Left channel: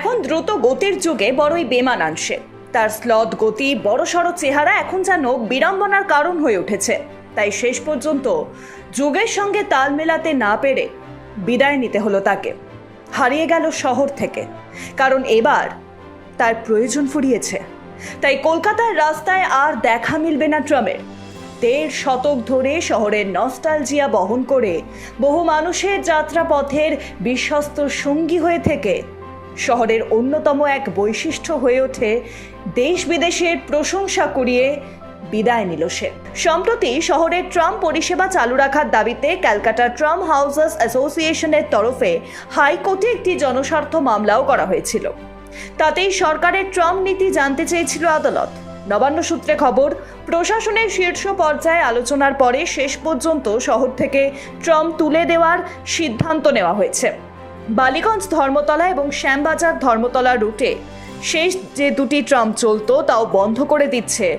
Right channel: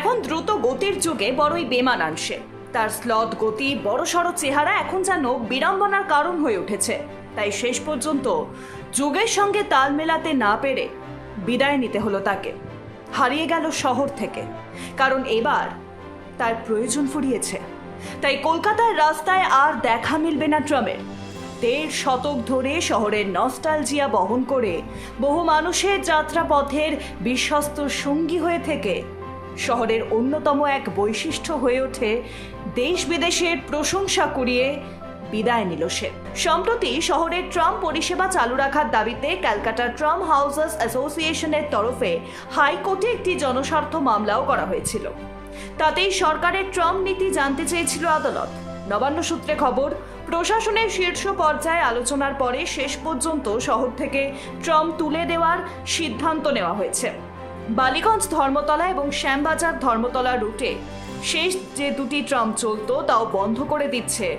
দ্রুত গতির যুগে বড়ই বেমানাংশে তার স্লদ গতি, বড়সড় চেহারা এখন যেন বিড়ম্বনার কারণ হয়ে উঠেছে। তাই শেষ পর্যন্ত যুগের সঙ্গে তাল মেলাতে না পেরে বিদায় নিতে হলো তাকে। হারিয়ে গেল শহর থেকে। কারণ এবার তার প্রয়োজন ফুরিয়েছে। তাই কলকাতার রাস্তায় আর দেখা মিলবে না ট্রামের দেড় শতক ধরে শহরের নস্টালজিয়া বহন করে বহু মানুষের যাত্রাপথের বিশ্বস্ত সঙ্গী হয়ে থেকে শহরের অন্যতম এক বৈশিষ্ট্য হয়ে ওঠে দেশ বিদেশের প্রশংসা কুড়িয়ে বিদায় নিল সে। সম্প্রতি শহরের ট্রাম পরিষেবা চালু রাখার দাবিতে ক্যালকাটা ট্রাম হাউসার্স অ্যাসোসিয়েশনের তরফে হাইকোর্টে একটি জনস্বার্থ মামলাও করা হয়েছিল। তাতেই সরকারের ট্রাম নীতি জানতে চেয়েছিল আদালত। নবান্ন সূত্রে খবর, প্রশাসনের শীর্ষ পর্যায়ে আলোচনার পরে শেষ পর্যন্ত শহর থেকে ট্রাম তুলে দেওয়ার সিদ্ধান্ত নেওয়া হয়েছে। বালিগঞ্জ ধর্মতলা এবং শ্যামবাজার ধর্মতলা রুটে শেষ যে দুটি ট্রাম চলতো, তাও বন্ধ করে দিচ্ছে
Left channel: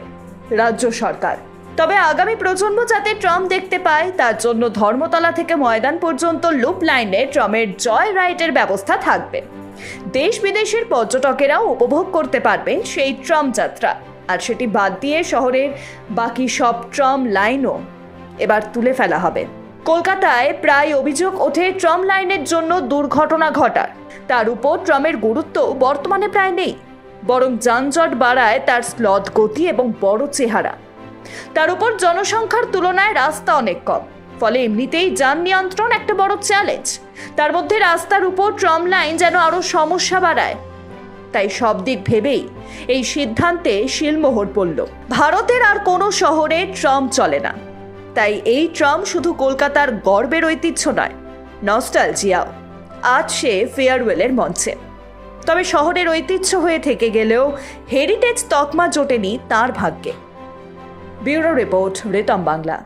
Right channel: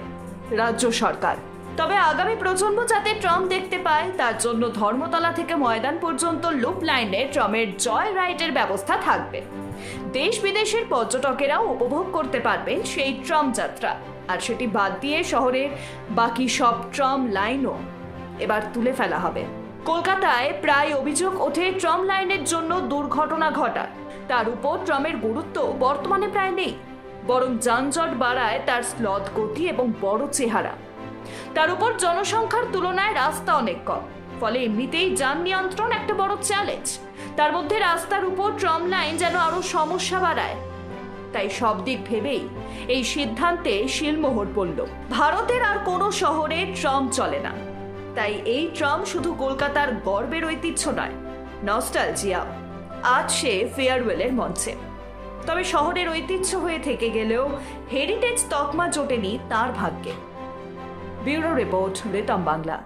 রাজ্য সরকার। তবে আগামী প্রজন্ম যাতে ট্রাম দেখতে পায়, তার জন্য ধর্মতলা থেকে ময়দান পর্যন্ত লুপ লাইনে ট্রামের জয় রাইডের ব্যবস্থা থাকবে। দেশ বিদেশের পর্যটকেরাও উপভোগ করতে পারবেন সেই ট্রাম যাত্রা। আর সেটি বাদ দিয়ে শহরের বাকি সব ট্রাম লাইনও এবার তুলে ফেলা হবে। কলকাতায় প্রায় অভিযোগ ওঠে ট্রাম লাইনের জন্য দুর্ঘটনা ঘটার তার উপর ট্রামের গুরুত্ব বর্তমানে প্রায় নেই, বরং যানজট বাড়ায় তার স্লথ গতি এবং বড় চেহারা। তার উপর জনসংখ্যার তুলনায় রাস্তা অনেক কম, ফলে এমনিতেই যান নিয়ন্ত্রণ একটা বড় চ্যালেঞ্জ তার মধ্যে রাস্তার উপর ট্রাম লাইন যেন আরও সমস্যা বাড়ায়। তাই সব দিক ভেবেই এই সিদ্ধান্তে শিলমোহর পড়ল। ভারতের আর কোনো শহরে ট্রাম চলে না। তাই এই ট্রাম শুধু কলকাতার গর্বের ঐতিহ্য নয় নস্টালজিয়াও আজ সে ফেয়ারওয়েলের মঞ্চে। তবে শহরের ঐতিহ্য হয়ে থেকে গেলেও হেরিটেজ তকমা জোটেনি তার ভাগ্যে। ব্যুরো রিপোর্ট রেটম বাংলা।